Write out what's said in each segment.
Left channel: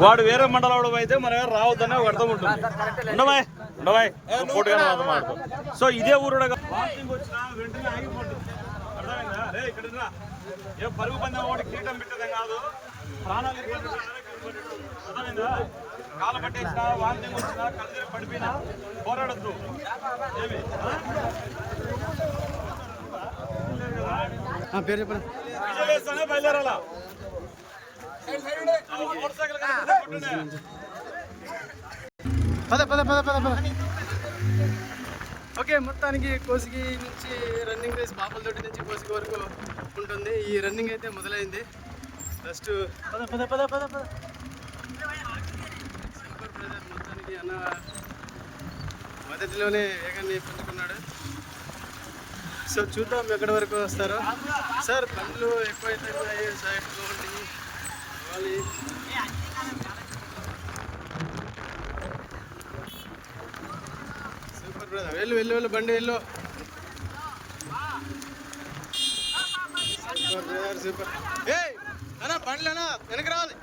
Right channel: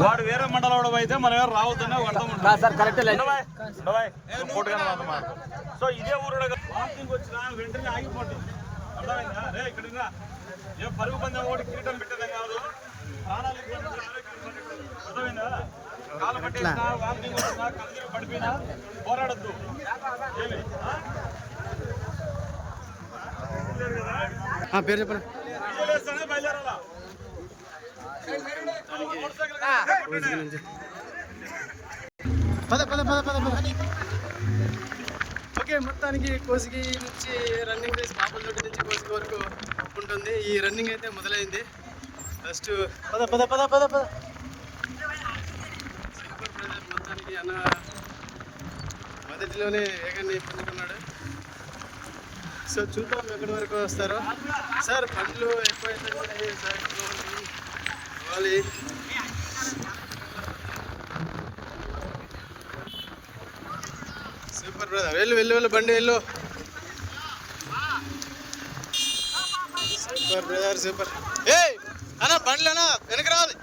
వాడు వేరే మండలం అయితే మనం ఎవరు రావద్దని ఒక అర్థం ఉంటుంది. సో ఇదే ఊరు వాకింగ్ వచ్చిన వెంటనే ఆగిపోండి. అర్థమైందా? రే ఇక్కడ ఏ పరుగు పందెం ఒకటి కీటం పెట్టడం కాదు, ప్రాణాలు అర్థమైందా? కాల పట్టేసినా వాకింగ్ వచ్చినా కలిసి పడిపోయినా పోరాడద్దు. ఏమి పేరు చెప్పనా? బయలుదేరాలా? ఓకే, మొత్తానికి కోసిగి నుంచి రన్నింగ్ రేస్ బాపలతోటి నుంచి కోసిగి వరకు ఉంటుంది. ఈ రన్నింగ్ అయితే మొదలైంది. ఫస్ట్ సూపర్ బ్రదర్ మొత్తానికి అన్న మొదటిలోనే వేగాన్ని పుంజుకున్నాడు. సో చూద్దాం ఎక్కడి వరకు వస్తారో. సార్ బండ్లు ఎక్కువైపోయి సైడ్లో పోవాలి. సూపర్ బ్రదర్, వెళ్ళు బండి వెళ్ళు. Super brother super. ఏయ్ అన్నా బండ్లు అన్నా వెనక రావాలి.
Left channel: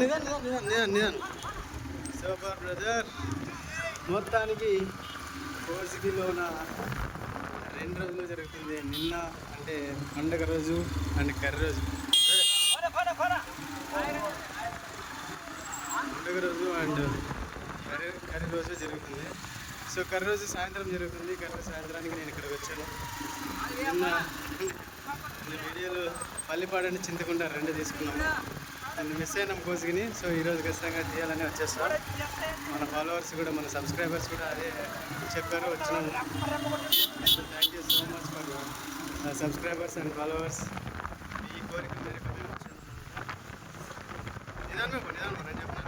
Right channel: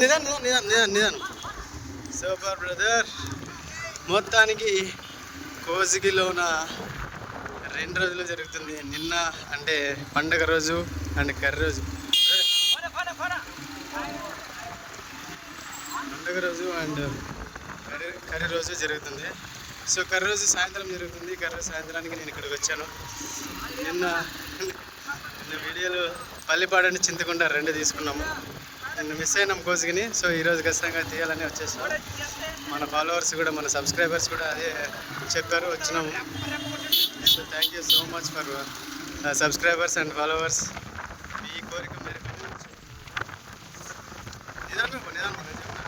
నిదానం. Super brother. మొత్తానికి కోసిగిలోన 2 రోజులు జరుగుతుంది. నిన్న అంటే పండగ రోజు అండ్ కర్రీ రోజు. పండుగ రోజు అండ్ కర్రీ రోజు జరుగుతుంది. సో కర్రీ రోజు సాయంత్రం జరుగుతుంది. కర్రీ సాయంత్రానికి నేను ఇక్కడికి వచ్చాను. నిన్న వీడియోలు పల్లిపాడు చింతకుంట 2 తీసుకున్నాము. నిన్న మిస్ అయినాం కోసిగిని. సో ఈరోజు ఖచ్చితంగా తీయాలని వచ్చేస్తాం. మన ఫాలోవర్స్ కూడా మన సబ్స్క్రైబర్స్ కూడా అదే చెప్పారు, వచ్చినాము. So thank you so much for subscribers and followers. మీ కోరిక మేరకు నిదానం నేను చెప్పిన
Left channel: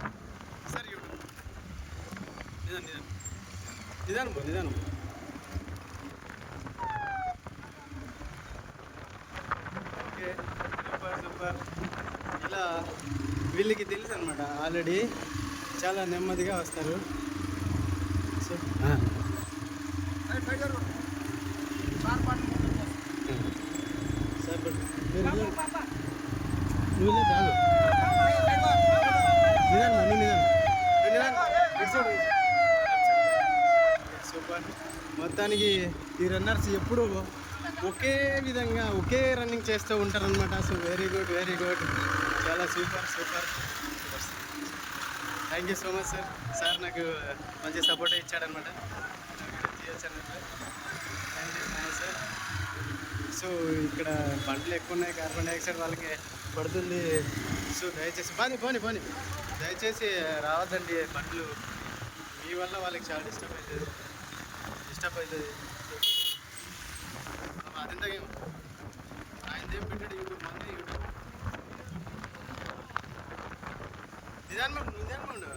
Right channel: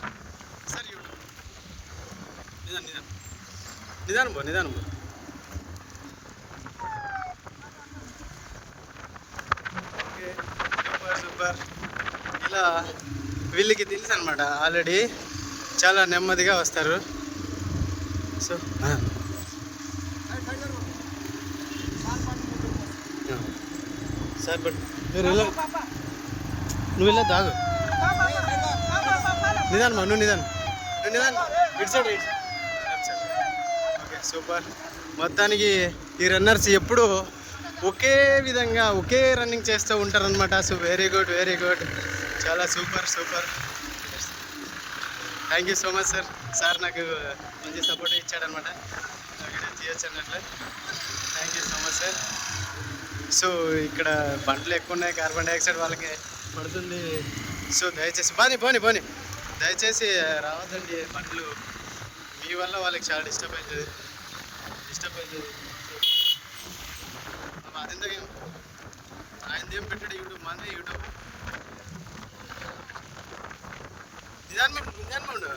సార్ యూట్యూబ్ నిదానం ఓకే సూపర్. ఇలా వీళ్ళకి తెలుసు అనమాట, ఆల్రెడీ చాలా నెమ్మదిగా వస్తారు. సో సార్ బట్ మీరు నువ్వు వెళ్ళా దాగు. నువ్వు నిదానం ఇటు సైడ్. Okay super. మొత్తానికి ఈ రన్నర్స్ ఎప్పుడు ఒకే విధంగా ఒకే రన్నింగ్ చేస్తూ ఉంటారనమాట. సో వెరీ గుడ్ చాలా super. Thank you so much sir నాకు మంచి సపోర్ట్ ఇచ్చాడనమాట వీడియో తీయచ్చు అన్నట్లు. Thank you so much sir. So ఇక్కడ బండ్లు ఎక్కువ ఉన్నాయి, కార్బన్ డైఆక్సైడ్ వాళ్ళకి పడుతుంది. సో దయచేసి పోనీ దయచేసి రావద్దండి. బండ్లు మీ వల్ల వాళ్ళకి చాలా డిస్టర్బ్ అవుతుంది. అదెందుకు ఆయనదేం పెట్టాడు యూట్యూబ్, మంది యూట్యూబ్. నిదానం ఉండు.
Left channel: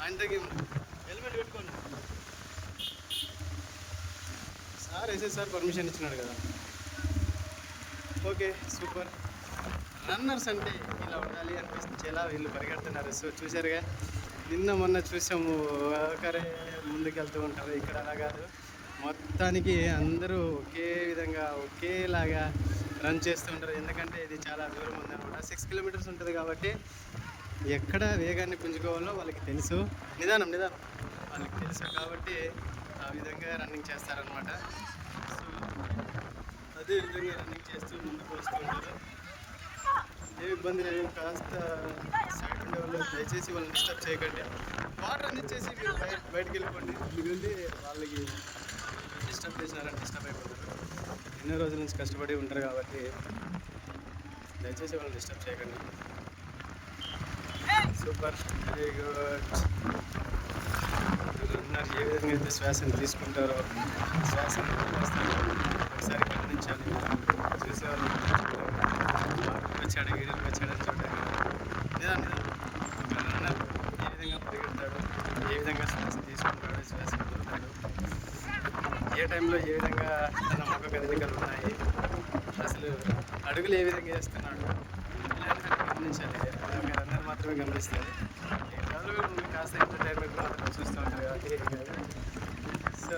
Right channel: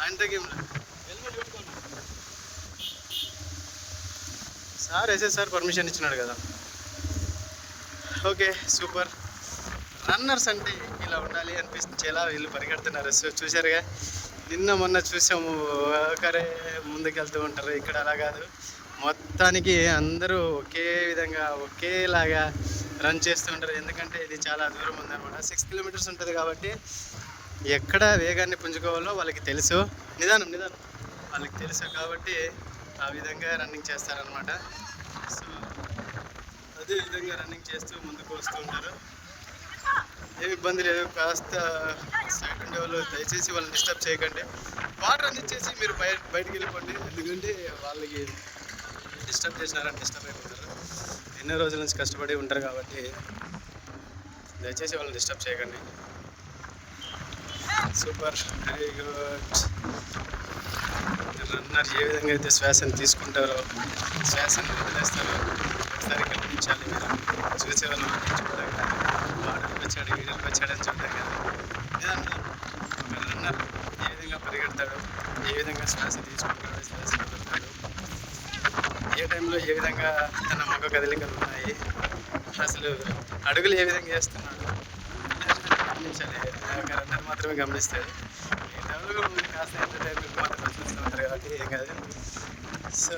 ఆయన తగ్గేం సార్ సార్ పర్మిషన్ ఇచ్చినాడు కదా. Okay super. రన్నర్స్ అంటే ఇలా ఉండాలి అనిపించేలా వీళ్ళు పరిగెడుతున్నారు. సో చూసారుగా, నిన్న మొన్న చూసాము ఒకరే ముందుకెళ్తూ ఉంటారు. ఇక్కడ అలా కాదు, మొత్తానికి అందరూ ఒకే విధంగా ఒకేలాగా రన్ చేస్తూ ఉంటారు. ఎందుకంటే ఇది చాలా దూరం ఉందన్నమాట, 6 కిలోమీటర్స్ ఉంటుంది కాబట్టి ఎక్కడ వేగాన్ని పుంజుకోవాలో వాళ్ళకి తెలుసు. నిదానం వాళ్ళకి తెలుసు కాబట్టి ఆ విధంగా రన్నింగ్ చేస్తారనమాట. సో అదే విధంగా రన్నింగ్ చేస్తూ ముందుకు వస్తూ ఉంటారు. ఏమి ఇబ్బంది లేదు. కాస్త సైడ్ ఉండే వాళ్ళు దయచేసి వాళ్ళని డిస్టర్బ్ చేయకండి. వాటర్ అందించేసి మీరు బయటికి వెళ్ళిపోండి. ఎందుకంటే వాళ్ళకి డిస్టర్బ్ చేసినారని డిస్టర్బ్ అయిపోతారు. ఎన్నో రోజుల నుంచి కష్టపడి ఉంటారు కాబట్టి దయచేసి వాళ్ళని డిస్టర్బ్ చేయకండి. Super, very good. రన్నర్ ఏ విధంగా అయితే శ్వాసను తీసుకుంటారో శ్వాసను వదిలేస్తారో ఒకసారి గమనించాలి. మీరు చూసే వాళ్ళు చూడడం కాదు, వాటర్కి వచ్చాడు వీడియోకి వచ్చాడని చూడడం కాదు. నిజంగా రన్నర్ ఏ విధంగా పరిగెడతాడు, ఏ విధంగా శ్వాస తీసుకుంటాడో శ్వాస వదులుతాడు, ఏ టైంలో ఏ విధంగా తన ముఖ కదలికలు ఉన్నాయి, అసలు అడుగులు ఏ విధంగా వేస్తున్నాడు గమనించాలి. ఒక రన్నర్ మాత్రమే గమనిస్తాడు. మిగతా కాస్త ఎంటర్టైన్మెంట్ మాత్రమే చూస్తూ ఉంటారు కాబట్టి ఏం కాదు. సో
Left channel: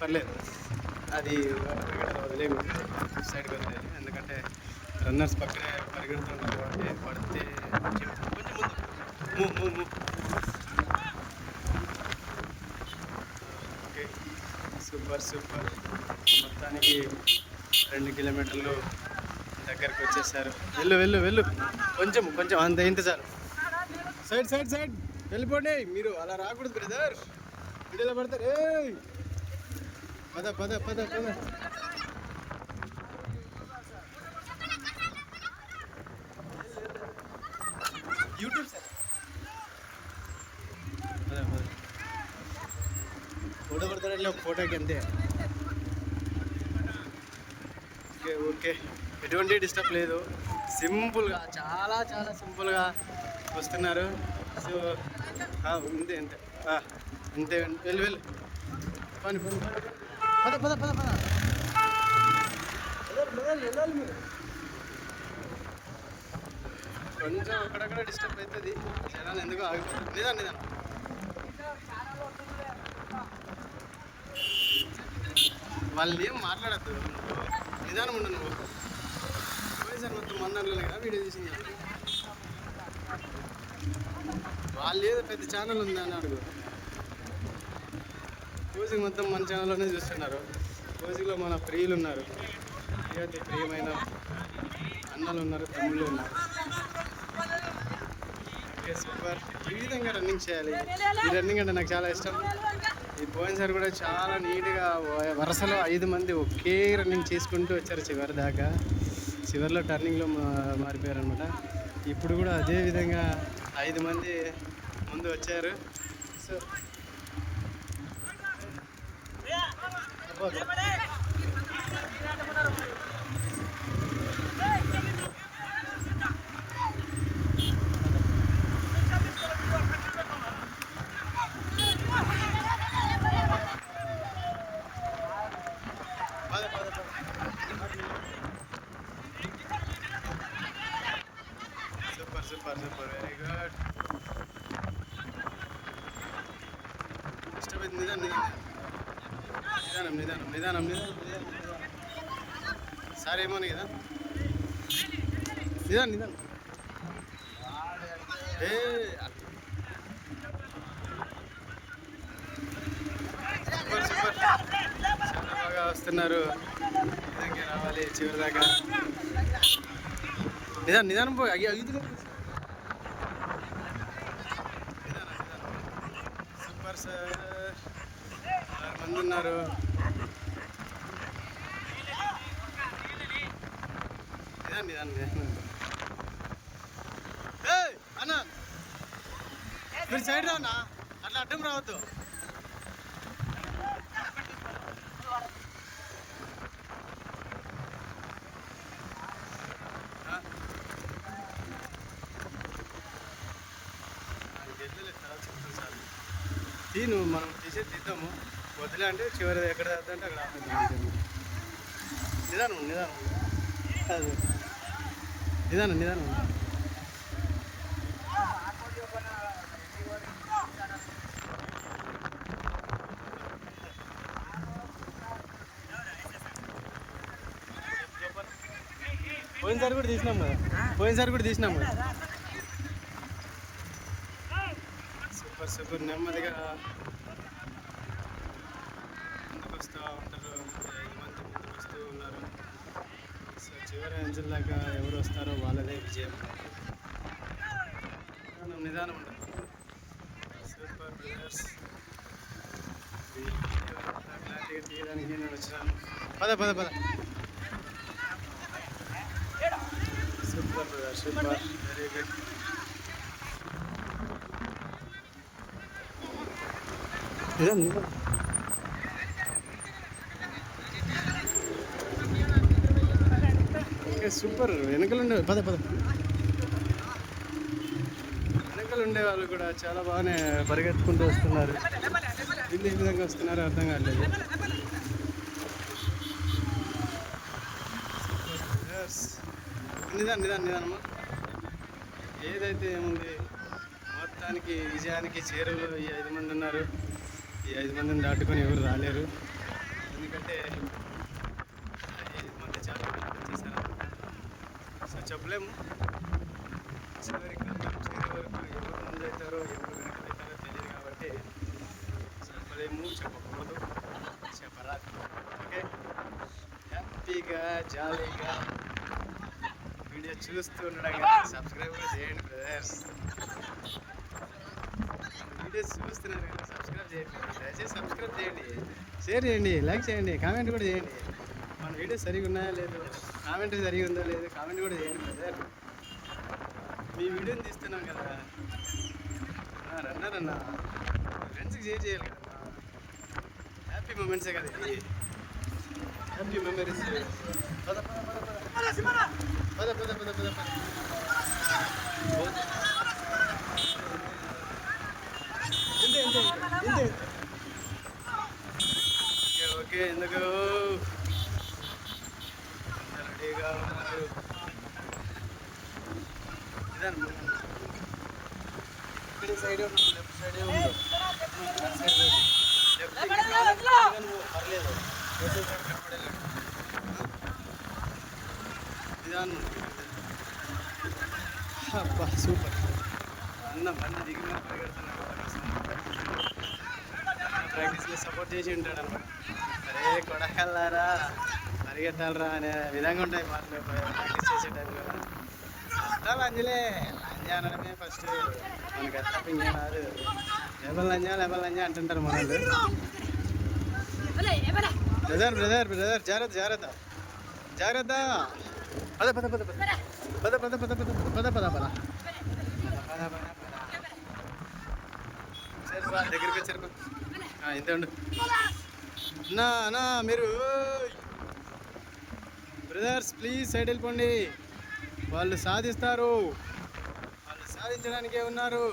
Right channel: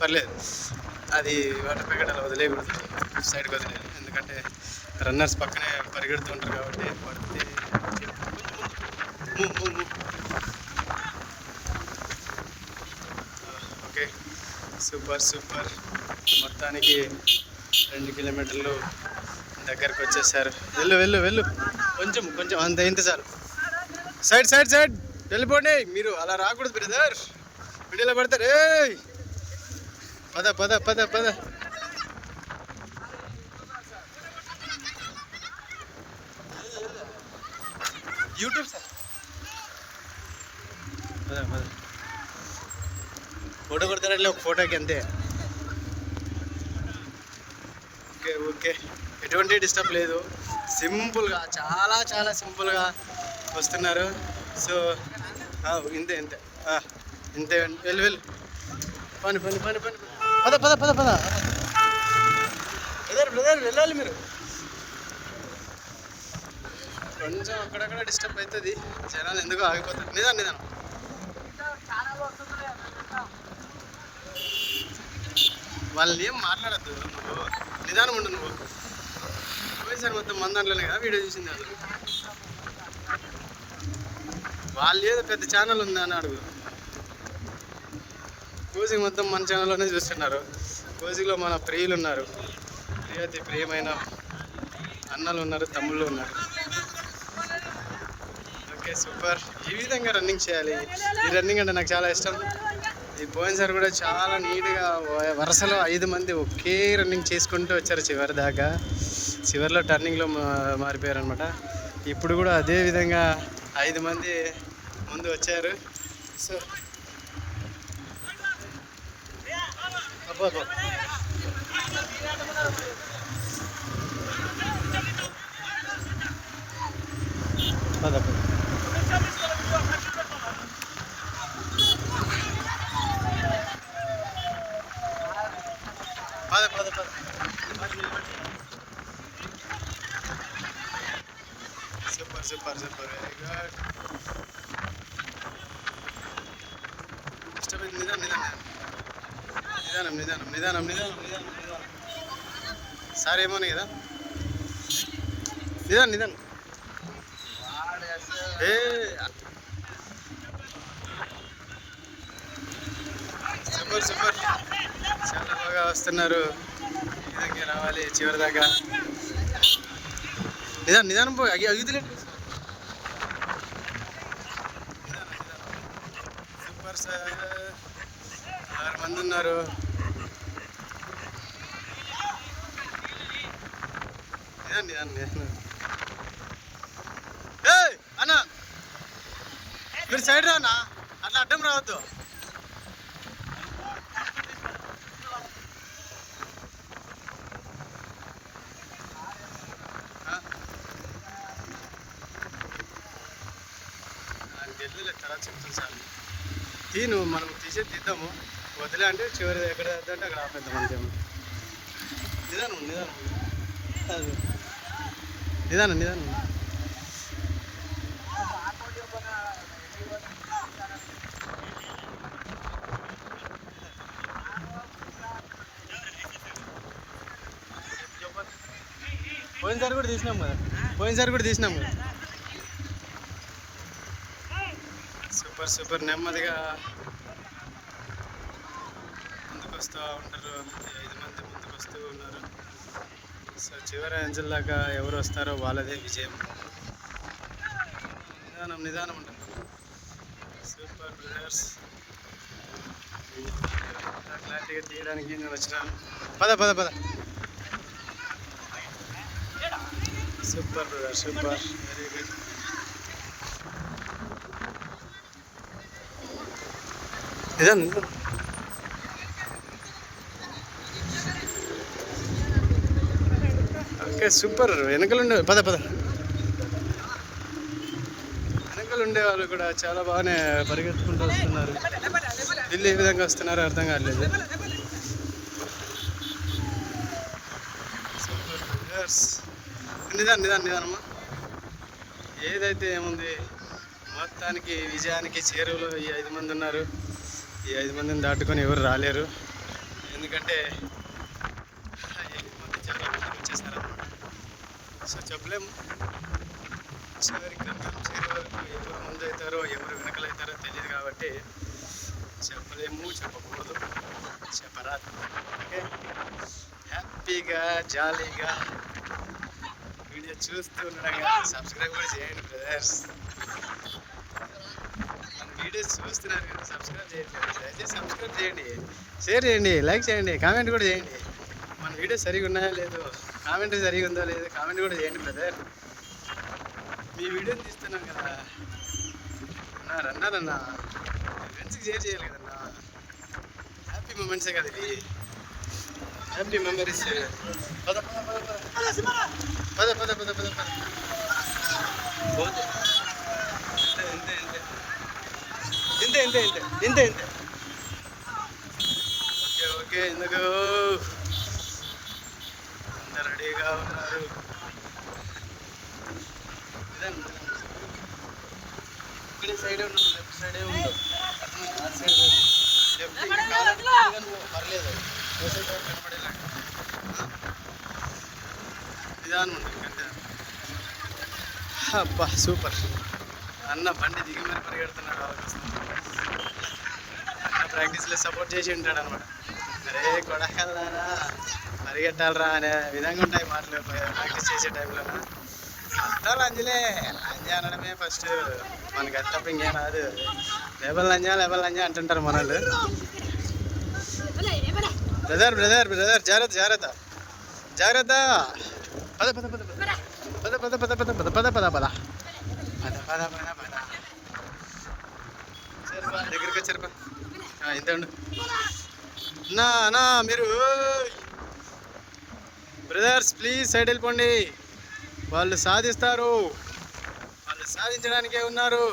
పర్లేదు, అది వాటర్ ప్యాకెట్ అలా వదిలేయకూడదు. సైడ్కి వదిలేదు, ఎందుకంటే రన్నర్స్ పక్కనే పరిగెడుతుంటారు కాబట్టి పడితే కొంచెం ముందు ఓకే. సూపర్ సూపర్, మొత్తానికి 2 కిలోమీటర్లు దగ్గరకు వచ్చేసారు. వెళ్ళు వెళ్ళు వెళ్ళు, కొంచెం కొంచెం అంత ఇంత చాలు. సైడ్ సైడ్ సైడ్ వెళ్ళిపోండి, మీరు అలా రాకూడదు బ్రదర్, వీడియోలో పడతారు. ఏ పద పద పద పద. యూట్యూబ్ సార్, పద పద. ఫోటో కొడతారంటే ఒక ఫోటోకి అంతే. ఓకే ఓకే, ఎటువంటి డిస్టర్బ్ లేదు, సింపుల్గా చాలా చాలా సింపుల్గా వస్తున్నారు. సో ఇంతే ఇంతే ఇంతే, వెళ్ళు వెళ్ళు, పని పని పని పని పద పద పద పద. బ్రదర్ బ్రదర్ వెళ్ళాలి మీరు. కొంచెం అక్కడక్కడ డిస్టర్బ్ అవుతుంది, జనాలు ఎందుకో ఆగిపోతారు. నిదానం నిదానం. వాళ్ళని ఏం మాట్లాడద్దు, నువ్వు నిదానం ఉండు. నువ్వు పోయినసారి మొత్తం మన దాంట్లోనే కదా వీడియో చూసింది వాళ్ళు ఏదో పెద్ద ఛానల్ ఉంది అని అడుగు. కోజింగ్ మొత్తం మన ఛానల్లోనే చూస్తున్నారు. కోజింగ్లో మన ప్రియులు ఉన్నారు, ప్రియాతి ప్రియమైన అన్నలు ఉన్నారు, తమ్ముళ్ళు ఉన్నారు. ఓకే సూపర్, ఈ విధంగా రన్నింగ్ చేయాలి. ఈ రన్నింగ్ అంటే నాకు చాలా ఇష్టం. ఈ పోయినసారి కూడా చాలా నీట్గా వరుసలో 5 మంది ఒకే రన్నింగ్ చేసుకుంటూ వచ్చారు చివరి దాకా. చివరిలో టర్నింగ్లో మారిపోయారు అనమాట. ఇప్పుడు కూడా అదే విధంగా 5 మంది ముందు వచ్చారు. సో పద పద పద. Super super super, very good. ఇష్టమైంది. నిదానం నిదానం నిదానం నిదానం నిదానం నిదానం నిదానం. సార్ ఏమోనే కదా, నిదానం నిదానం. ఏ సూపర్ సూపర్, చాలా బాగా వస్తున్నారు. ఈ విధంగా రావాలి చివరి దాకా. నిదానం నిదానం పోయి అగిదిలేదు. సూపర్ సార్, 6 మంది ఉన్నారు. నిదానం నిదానం నిదానం. ఏ అన్న మీరు సైడ్ రానా, అట్లా అడ్డం రావద్దు. వెళ్ళలేదు తర్వాత చెప్తాను సార్. నువ్వు మనం తీద్దాము, వదిలే అంటే చివరి ఎక్కడ అంటే అక్కడ ఆపేద్దాం అంతేమో. నిదానం నిదానం నిదానం నిదానం. పోయినసారి కూడా తీసినాం కదా. సూపర్ సూపర్, నెమ్మదిగా ముందుకు వస్తూ ఉంటారు. 5 మంది ముందుకు వస్తూ ఉన్నారు. సో చివరి అంచెల దాకా ఎవరు వస్తారో వాళ్ళదే విజయం. నిదానం నిదానం ఉంటుంది. సూపర్ బ్రదర్స్, క్లారిటీగా తీయడానికి నేను వచ్చినాను. పద పద పద. Super brother super, very good. నిదానం. ఓకే సూపర్, వెనకలుండే పద పద. వెనకలుండే వాళ్ళు కూడా చాలా బాగానే పరిగెత్తుకుంటూ వస్తున్నారు. వీళ్ళు ఏ విధంగా వస్తున్నారో అర్థం కావట్లేదు. సూపర్ బ్రదర్స్, నిదానమ్మా. ఏదైతే ఏముంది, మొత్తానికి విజయానికి చేరువలో ఈ 5 మంది ఉన్నారు. ఈ 5 మందిని దాటుకొని ఎవరు రాలేరు, ఎందుకంటే 5 మంది చాలా సో చెప్పలేము, చివరి గమ్యం చేరే వరకు ఎవరు ముందవుతారో ఎవరు వెనకలవుతారో తెలియదు కాబట్టి చెప్పలేము, చెప్పకూడదు, చెప్పరాదు. ఓకే, హ్యాపీగా జాలీగా వీడియో చూస్తూ ఉండడం కాదు, సబ్స్క్రైబ్ కూడా చేయండి బ్రదర్స్. వీడియోస్ చూస్తున్నారు కానీ సబ్స్క్రైబ్ చేయట్లేదు. దయచేసి సబ్స్క్రైబ్ చేయండి, షేర్ చేయండి, లైక్ చేయండి, కామెంట్ కూడా చేయండి. మన వీడియోస్ సరిగా ఉన్నాయో లేదో, కామెంట్ సరిగా ఉందో లేదో కామెంట్ కూడా చేయండి బ్రదర్. మీ వీడియోని తీస్తున్నాం కదా అన్నా, రన్నారన్నా ఫ్రెండ్స్కి షేర్ చేయాలి కదన్నా. హ్యాపీ మూమెంట్సే కదా ఇవి, హ్యాపీ మెమరీస్. పద పద పద పద పద పద పద. ఇంతే ఇంతే ఇంతే ఇంతే ఇంతే. ఓకే ఓకే, ఎందుకు అందరు రెడీగా ఉన్నారు? ఇక్కడ సైడే ఉన్నాను, లెఫ్ట్ సైడే ఉండు, అటు సైడ్ పోదు. లెఫ్ట్ ఇంకా కాలం కానీ పర్లేదు, పోసే సైడ్ కనబడేలాగా నిదానం ఉంటుంది కంటే. అబ్బా సూపర్ అన్న, బండి దిగి మరి పరిగెడుతున్నాడు వాళ్ళకోసం. అన్న ప్రాక్టీస్లో సపోర్ట్ చేసి ఉంటాడు అనమాట. అరే కొడకల్లారా పరిగెట్టాలరా అనే విధంగా ఉంటాయి మాటలు ప్రాక్టీస్ చేసే టైంలోన. అంతా లంజలే, లంజ అనడమే ఫస్ట్, మనకి అది తప్ప ఇంకేం రాదు. లేబల్ లంజ అంటుంటారు మన వాళ్ళు. బ్రదర్ బ్రదర్ బ్రదర్, జాగ్రత్త జాగ్రత్త జాగ్రత్త. పద పద పద పద పద పద పద పద పద పద పద పద పద పద. దగ్గరికి వచ్చారు, ఇంతే ఉండు నా నా. మీరు బ్రదర్స్ ప్లీజ్ సైడ్ వెళ్ళిపోండి, వాళ్ళు సాధిస్తారు, వాళ్ళు సాధించడానికే ఉన్నారు.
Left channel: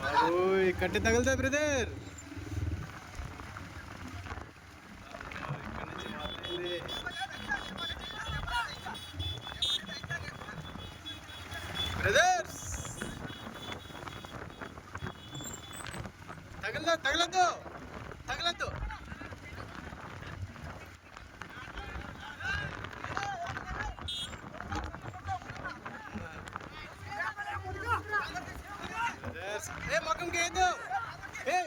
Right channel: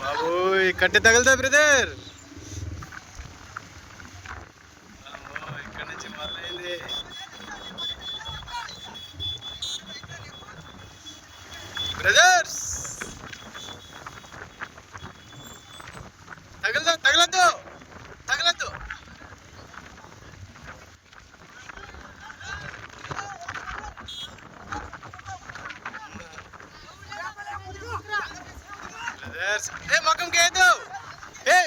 బాబు కట్టె తగులుతా బ్రదర్. ఇక్కడ నుంచి మొదలైంది. బ్రదర్స్ తగలద్దు తగలద్దు. బ్రదర్స్ ఏ మొక్కం కేదు, ఏ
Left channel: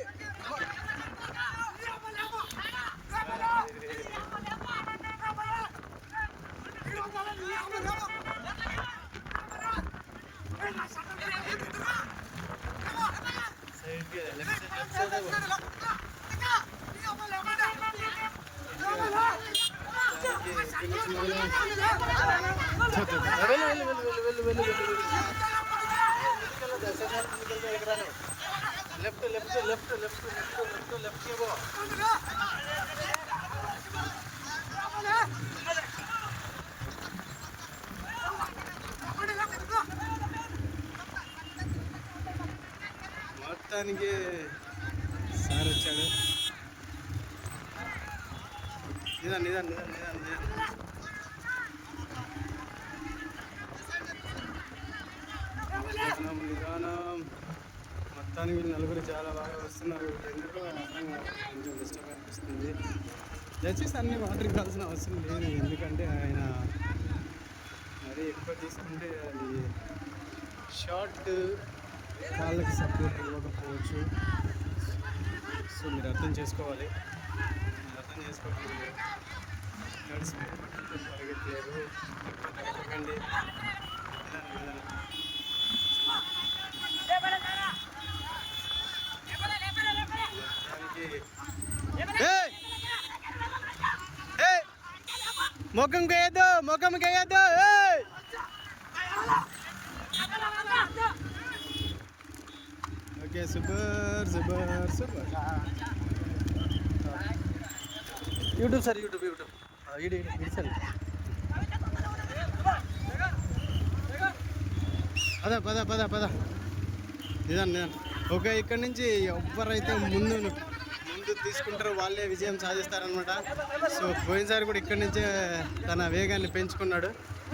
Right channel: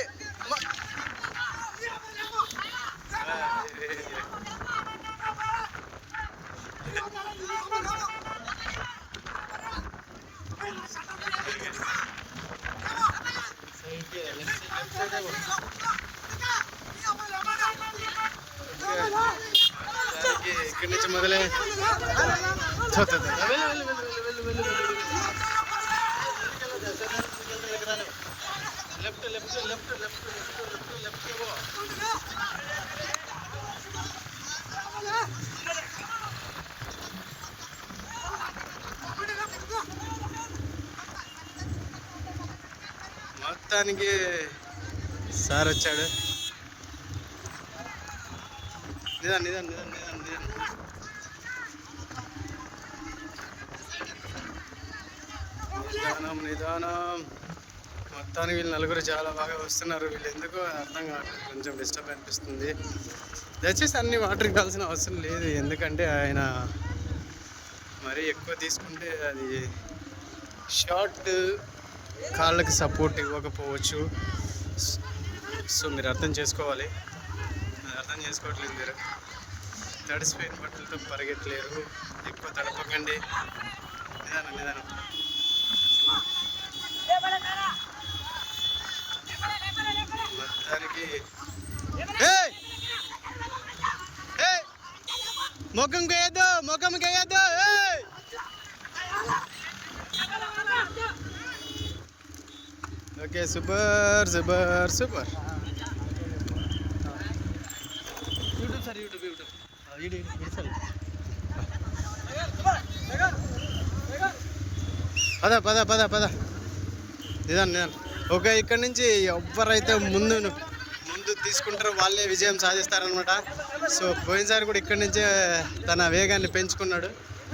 ఇక్కడి నుంచి మొదలై left left left left left left left. మొత్తానికి సార్ వచ్చాడు. నిదాన్ నిదాన్ నిదాన్ నిదాన్ నిదాన్. నిదానం నిదానం. మొత్తానికి వీళ్ళు నలుగురు చాలా బాగా వస్తున్నారు. వీళ్ళు ఎందుకో అర్థం కావట్లేదు, కొంచెం డిస్టర్బ్ అనిపిస్తుంది. దయచేసి అన్ని వాటర్కి కావాల్సిన అవసరం లేదు, ఎందుకంటే ఆయన మరీ ఎక్కువ తీసుకుంటే అది షార్ట్ కాళ్ళకి సపోర్ట్ ఇవ్వకపోవచ్చు. సో మీరు అర్థం చేసుకోవాలి, అది అర్థం చేసుకోవట్లేదు. మీరు తడిసిపోయిన బట్టలతో పరిగెట్టలేరు, ఎక్కువ తడపకండి, నిదానం నిదానం. మొత్తానికి ముఖం వేయద్దు, ముఖం వేయద్దు. Okay super super super. YouTube sir, YouTube YouTube పద పద పద పద. నిదాన్ నిదాన్. ఓకే, ఇక్కడ నుంచి ఎవరైతే ముందు తీసుకుంటారో వాళ్ళే విజయం సాధిస్తారనమాట. సో పోయినసారి కూడా ఇక్కడి నుంచే తన వేగాన్ని పెంచుకున్నాడు.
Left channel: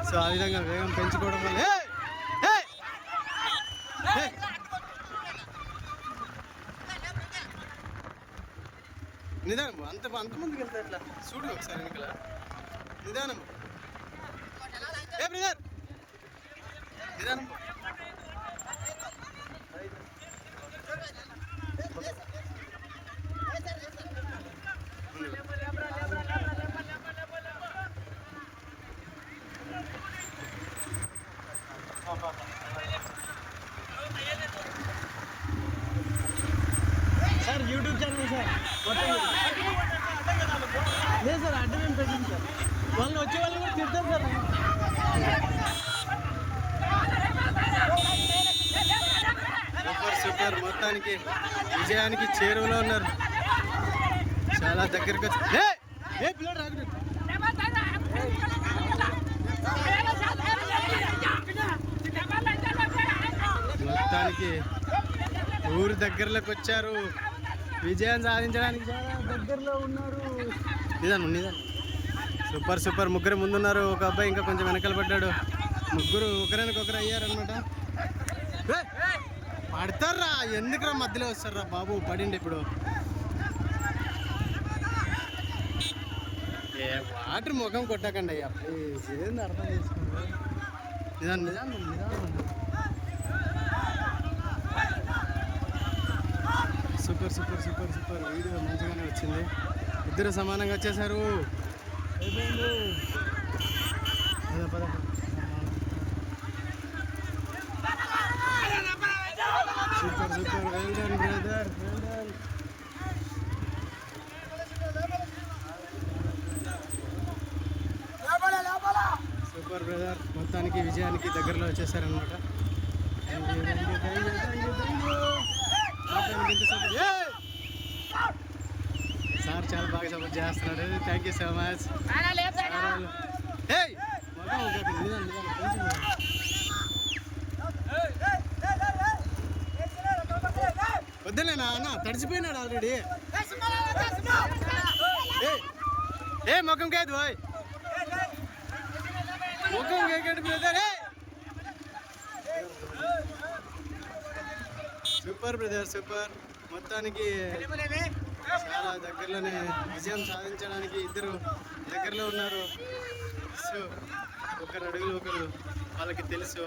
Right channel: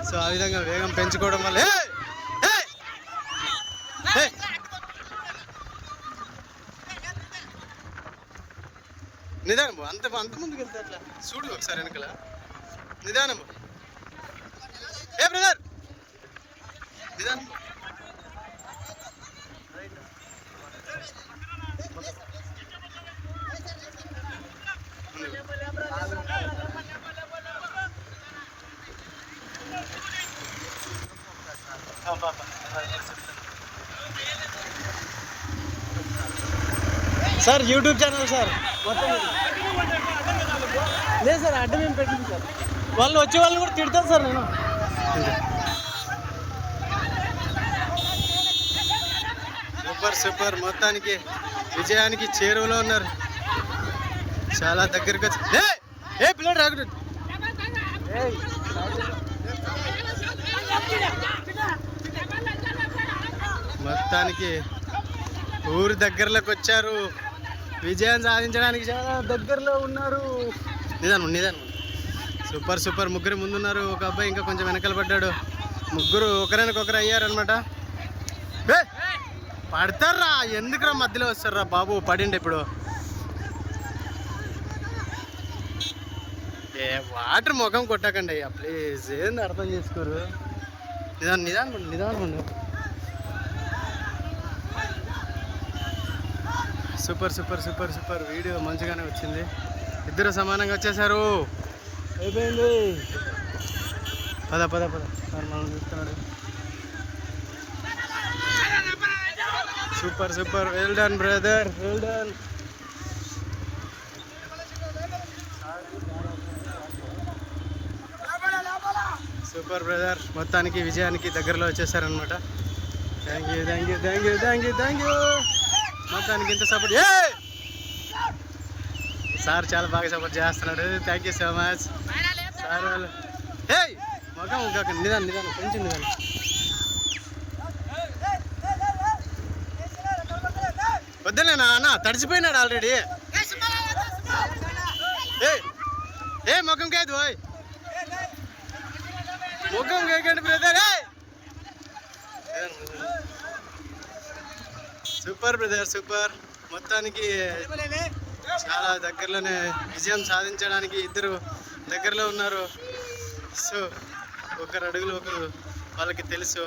సో ఆ విధంగా వేగం పెంచుకోవడం వల్ల నిదానం అంత ముందుకు వెళ్తే అట్లా చూడు ఒకసారి వెనకల నిదానం ఏ బ్రదర్ నిదానం సార్ యూట్యూబ్ ఛానల్ సార్ మొత్తం లేదు సార్ అడ్డం నేను పెట్టింది సార్ వాళ్ళు వచ్చే వాళ్ళు కూడా తిడతారు సార్ నేను సూపర్ మొత్తానికి విజయానికి చేరువలో ఉన్నారు చాలా దగ్గరికి వచ్చి ఏ పిల్లడు రాకూడదు మొత్తానికి ఊరు దగ్గరలోకి వచ్చారు విజయం సాధించడానికి చాలా దగ్గరలో ఉన్నారు నిదానం సూపర్ ముగ్గురు ముందున్నారు ఒక అబ్బాయి ఇంకా కొంచెం వెనకాల పడ్డాడు ముగ్గురు ఒకరినొకరు అయ్యారనమాట పడతారా ఎందుకురా మధ్యలో వస్తారా బాబు పడిండి ఇప్పుడు వాటర్ ముఖం కొట్టకండి అయ్యా ప్లీజ్ ఏంది అర్థం చేసుకోరు నిదానం సూపర్ వీడియో మంచిగానే వచ్చింది ఇద్దరు సమానంగా వచ్చేసారు అయిపోయింది పద super well done brother well done super brother మొత్తానికి విజయానికి దగ్గరలో వచ్చేసారనమాట థ్యాంక్ యూ మొత్తానికి ఇంత సపోర్ట్ సార్ చాలా బాగా సపోర్ట్ చేస్తున్నాడు thank you so much sir వాళ్ళు మొఖం ఇంకా నిదానం కొంచెం నిదానం వద్దులేనా అన్న తడిచిపోయినాడు ఆల్రెడీ ముఖం కాదు ముఖం కేకండి బ్రదర్ సూపర్ మొత్తానికి చాలా దగ్గరలోనే విజయం సాధించడానికి ఇద్దరు దగ్గరలో ఉన్నారు సో ఒకరు అడుగులు ఒకరు వాళ్ళకి తెలుసు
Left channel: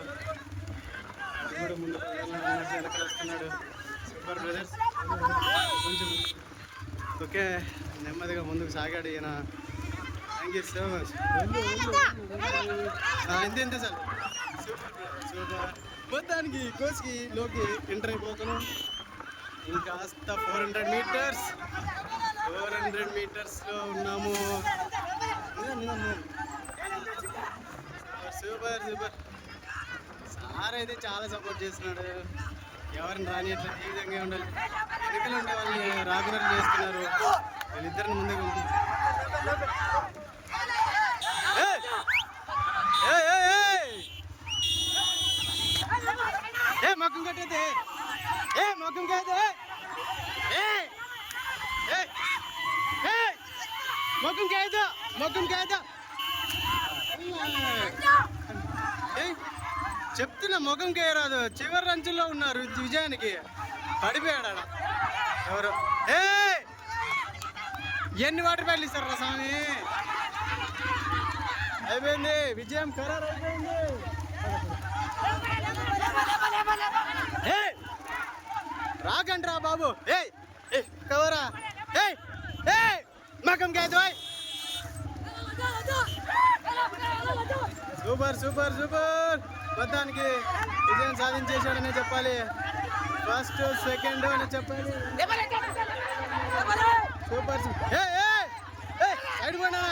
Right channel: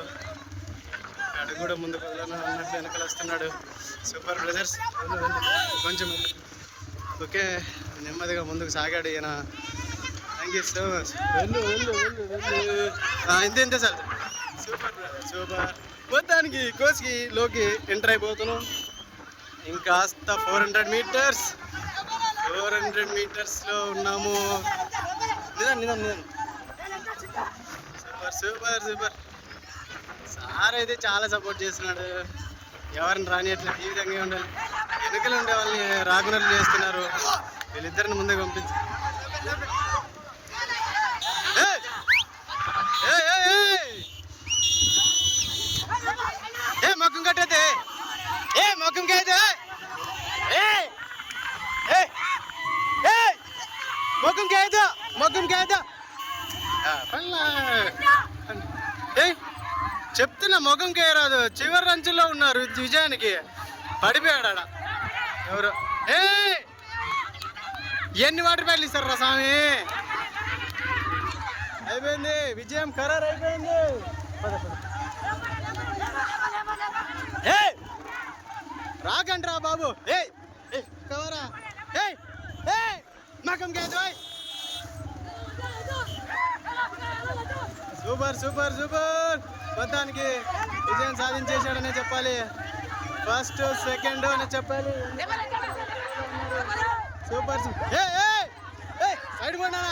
అడుగు కూడా ముందుకు అన్నట్లు వెనకాల వస్తున్నాడు సూపర్ బ్రదర్స్ కొంచెం ఓకే నెమ్మదిగా ముందుకు సాగాడు ఈయన థ్యాంక్ యూ సో మచ్ ఇంతే సార్ సూపర్ మొత్తానికి కోచ్కి లోకి ఎంటర్ అయిపోతున్నాం ఇంకాస్త 400 మీటర్స్లో ఉన్నాము సూపర్ సార్ అయితే చాలా సపోర్ట్ చేస్తున్నాడు ఎవరిని రానియట్లేదు ఈ విధంగా ఉండాలి వెనుకలు ఉండే వాళ్ళని రాకున్నట్లు చేస్తున్నారు వీళ్ళిద్దరిని ముందే పంపించి మొక్కం కట్టయితే మొక్కంకి అయితే చెప్తున్నా ముఖంకి రాదు చివరి రంచుల్లో ఉన్నారు విజయానికి పడిపోయాడు ఆడ ఎవరు ఎన్ని వాటర్ ప్యాడ్లు ఇస్తారా స్వామి అయిపోయింది విజయం ఖరారు అయిపోయింది రాకండ్రా బాబు కవరా మకం కాదు సూపర్ మొత్తానికి విజయం సాధించేశాడనే చెప్పాలి ఫస్ట్ సెకండ్ అని చెప్పాలి సూపర్ సైడ్ పోయినా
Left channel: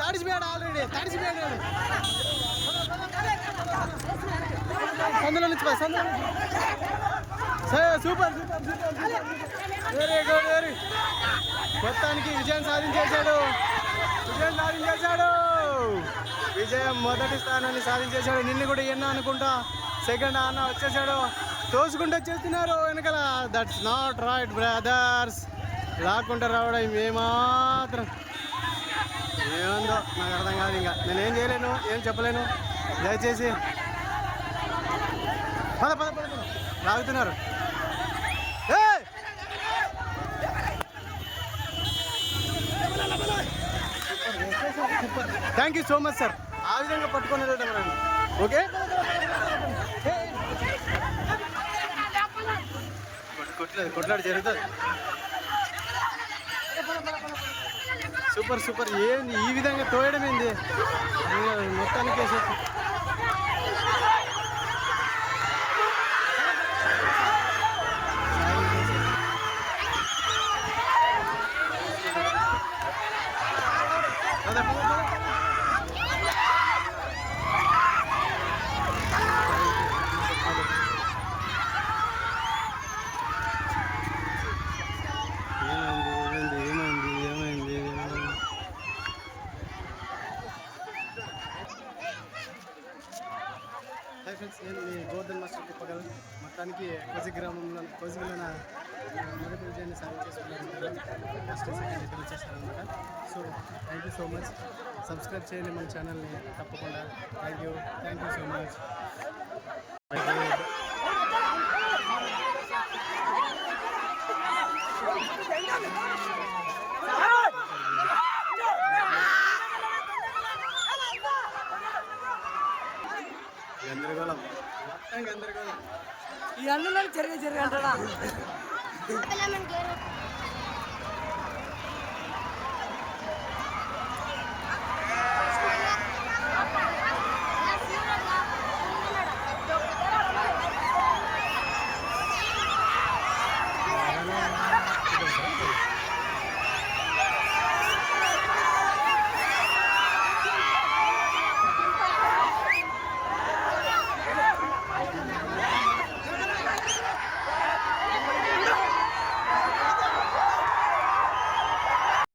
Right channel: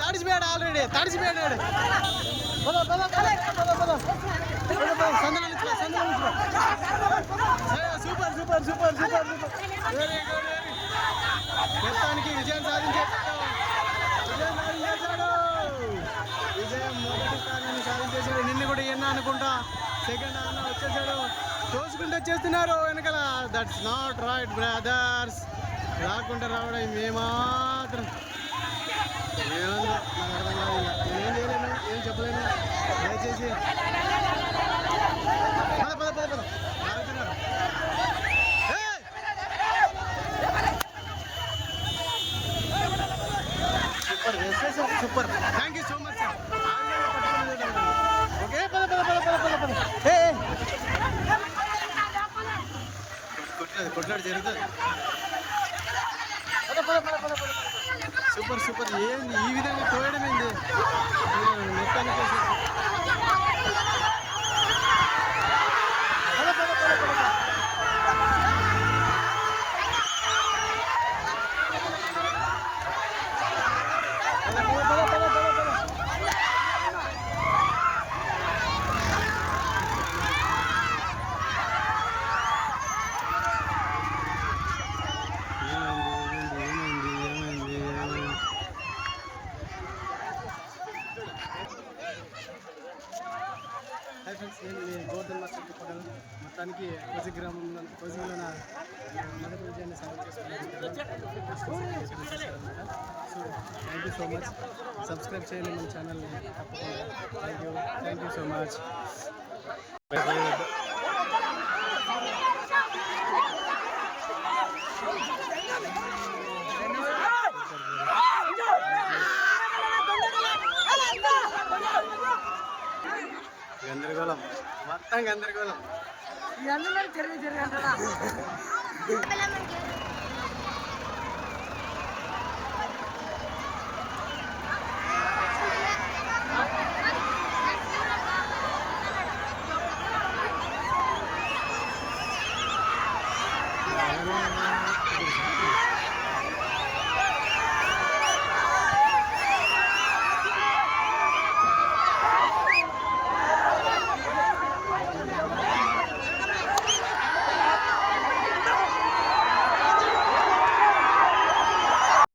తడిసిపోయాడు ఆల్రెడీ తడిసిపోయాడు సందులో నుంచి సూపర్ వెరీ గుడ్ మొత్తానికి విజయం సాధించేశాడు విజయం మొదటి స్థానాన్ని సాధించేశాడు నిన్ను కూడా ఎన్న అనుకుంటా సెకండ్ అన్న వచ్చేసాడు తోసుకుంటూ వచ్చేస్తున్నారు వెనకాల దట్స్ నాట్ రైట్ బ్రదర్స్ లాక్కుంటూ రావడం ఏమాత్రం ఏముందో నాకు అర్థం కాదు ఇంకా నేనేం చేయలేను ఏం చెప్పలేను దయచేసి పద లాగుతున్నారు super, thank you so much sir. ఆ విధంగా పట్టుకొని వెళ్ళడం ఓకే. కొట్లాడు జరుగుతుంది. Super super. ఏంది ఈ విధంగా తోయడం ఏంది మొత్తానికి వేసేసి. హాయ్ ఫ్రెండ్స్, నేను మీ గోవర్ధన్ మాస్టర్ తిప్పగలను. మొత్తానికి కోజిగిలో మొదటి విజయాన్ని సాధించేసుకున్నారు. ఫస్ట్ సెకండ్ ఇక్కడ వచ్చేసారనమాట. So thank you so much. Subscribe చేయండి మన ఛానల్ని తప్పకుండా. Thank you so much. గందరగోళం, మొత్తం గందరగోళం.